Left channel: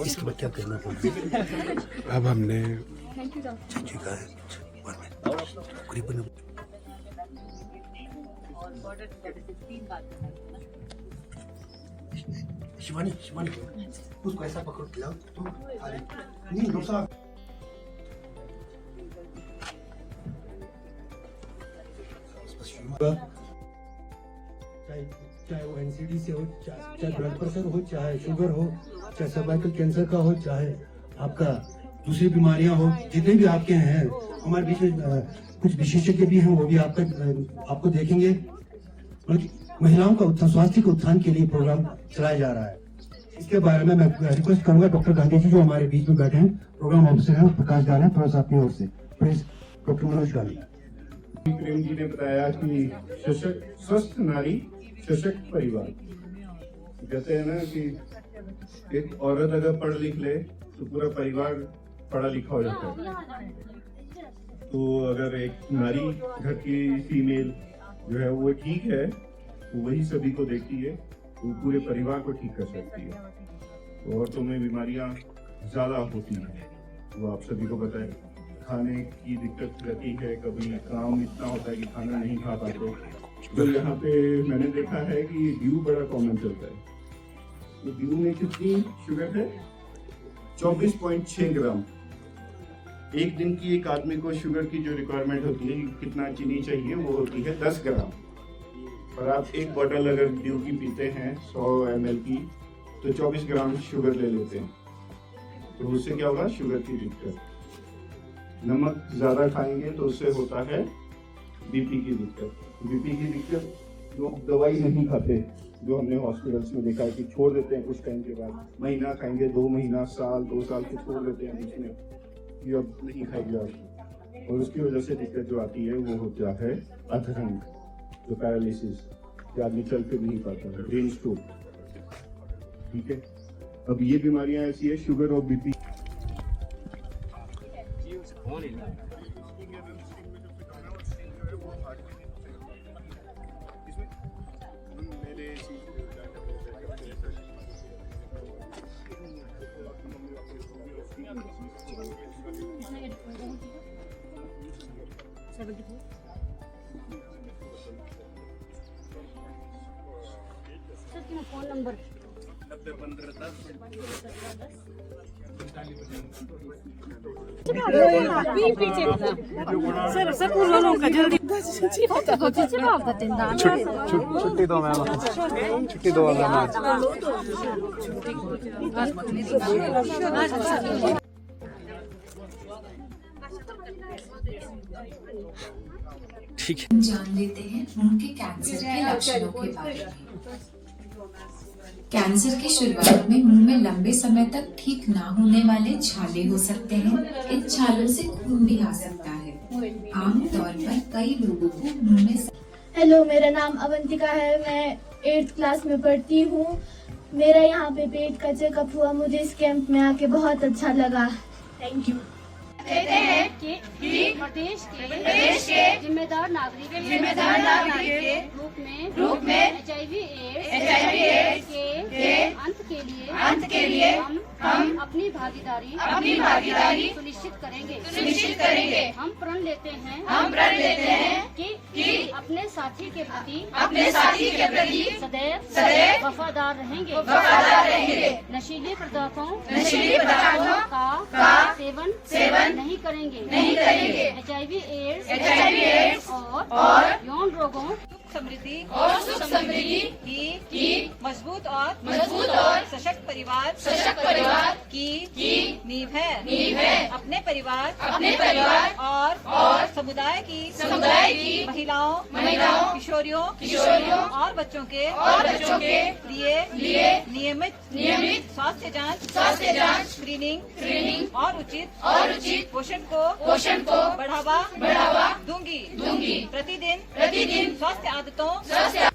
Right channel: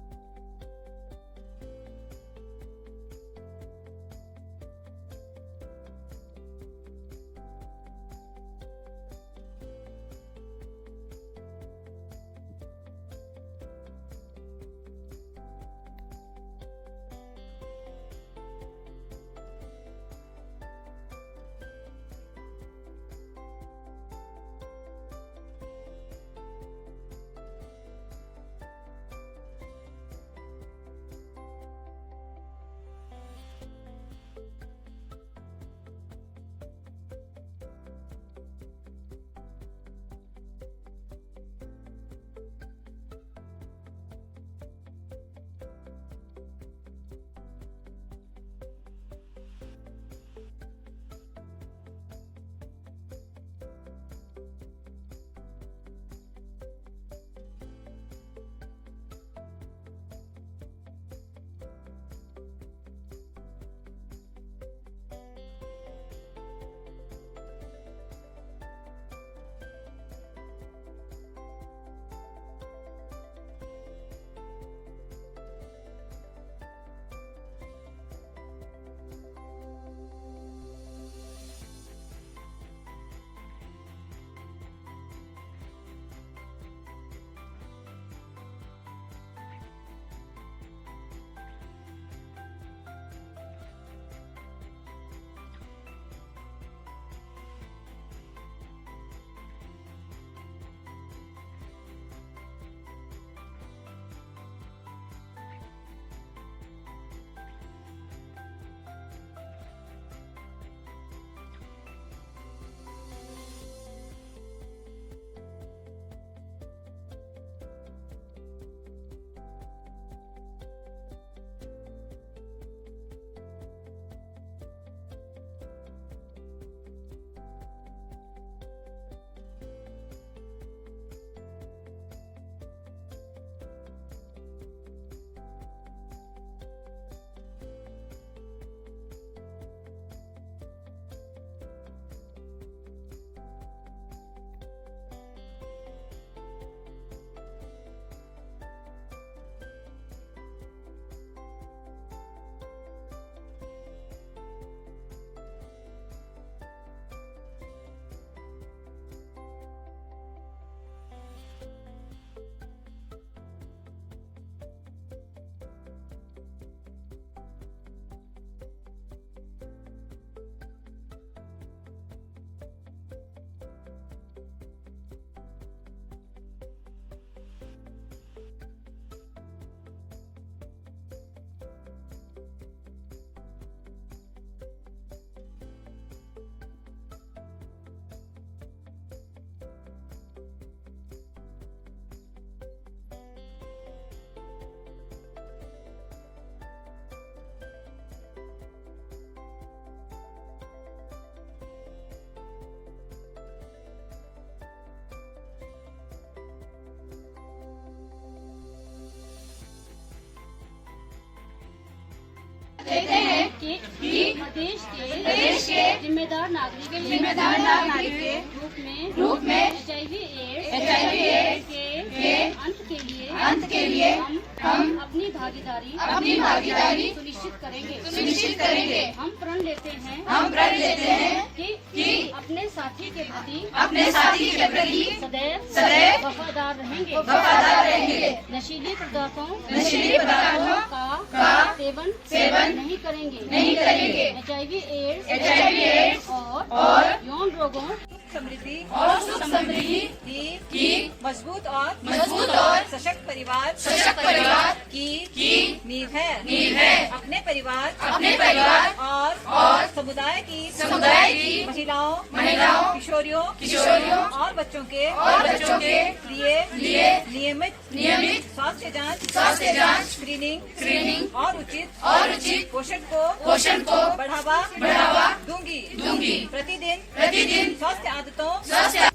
इसके बाद क्या करना पड़ेगा? अब हमने चाची का करीबन शिवानी शिवानी उसको ऐसा पकड़ के लाओ तुम नहीं डॉक्टर चाहे वो एनसीडी से हो, चाहे ब्लड प्रेशर हो, चाहे शुगर हो, चाहे सर्वाइकल कैंसर का हो, चाहे आपका दूसरी बीमारियां हो, जितने भी आपके हैं हमारे बीच में कुछ विशेषज्ञ भी हैं, वो भी आपको देखेंगे। महिलाओं का उत्थान, स्वास्थ्य के उत्थान के लिए प्रोग्राम चलाया जा रहा है। इसके बारे में मैं रिक्वेस्ट करूंगा डॉक्टर गांधी जी जो हमारे बीच में बैठे हैं, प्रोग्राम ऑफिसर हैं प्रकाश गांधी, थोड़ा सा अपनी ओर से प्लीज डॉक्टर मनोज गांधी। प्रेम जी ने बताया कि सशक्त स्वस्थ नारी सशक्त परिवार। कहते हैं ना कि एक औरत अगर पढ़ लिख ले तो पूरा परिवार पढ़ा लिखा हो जाता है। तो अगर एक नारी घर की फीमेल जो है वो ठीक है, तो वही सभी को देखती है, वो पूरे परिवार को ठीक कर सकती है। औरतों में बीमारियां ज्यादा होती हैं, वो आप सभी को पता है। खाने की दिक्कत रहती है, कभी काम इतना होता है कि खाना नहीं खा पाते। तो यहाँ पे मैंने देखा है कि ड्यू बड़ा कॉमन चलता है। तो ड्यू में कितनी शुगर है? 24.6 ग्राम। एक दिन की एक आदमी को शुगर की जो रिक्वायरमेंट होती है, कितना चीनी चाहिए, वो होती है 10 ग्राम। और आप एक बोतल अगर ड्यू की पीते हैं 100 ml की, तो 24 ग्राम शुगर ले लेते हैं। तो उससे क्या होगा? शुगर की दिक्कत। नमक ज्यादा खाएंगे तो उससे होता है बीपी की दिक्कत। बीपी की दिक्कत जो दवाई नहीं खाते, जो हमने हॉस्पिटल्स में देखा है कि छोड़ देते हैं कुछ टाइम के बाद, महीना खाएंगे, 2 महीना, साल, 2 साल को छोड़ देते हैं बीच में कि अब नहीं खाएंगे आप। और उसकी वजह से दिक्कत जो आती है वो होता है अधरंग, जो पैरालिसिस, कि आदमी चल फिर नहीं पाता है, ब्रेन स्ट्रोक। ठीक है, अब ये बीमारियां ऐसी है, शुगर और BP. Phone number sir sir का जल्दी छुट्टी दो मैम, छुट्टी दो मैम। ठीक है, जान लेते हैं उनके कैंसर के लक्षणों के बारे में। कैंसर की शुरुआत में मुंह में लंबे समय तक ठीक ना होने वाले छाले हो सकते हैं। इन छालों से खून भी आ सकता है। आमतौर पर कई लोगों को मुंह में। हेलो, मेरा नाम अवंतिका है, मैं 8th क्लास में पढ़ती हूँ। मेरा यहाँ पे पेट का चेकअप हुआ, मुझे इस कैंप में आके बहुत अच्छा लगा। Thank you. कहते हैं कि देश के जिम्मेदार नागरिक के रूप में HIV/AIDS के अंत के लिए हम अपनी भागीदारी सुनिश्चित करेंगे। हम प्रण लेते हैं कि अपने साथी के प्रति सदैव वफादार रहेंगे। नशीले पदार्थों का सेवन नहीं करेंगे। HIV/AIDS और यौन रोगों समृद्धि और सुख समृद्धि की मजबूत और सशक्त परिवार की नींव है। अपने परिवार और समुदाय की महिलाओं किशोरियों और बच्चों के लिए नियमित स्वास्थ्य जांच स्क्रीनिंग और उचित पोषण को बढ़ावा दूंगी। प्रतिदिन स्वास्थ्य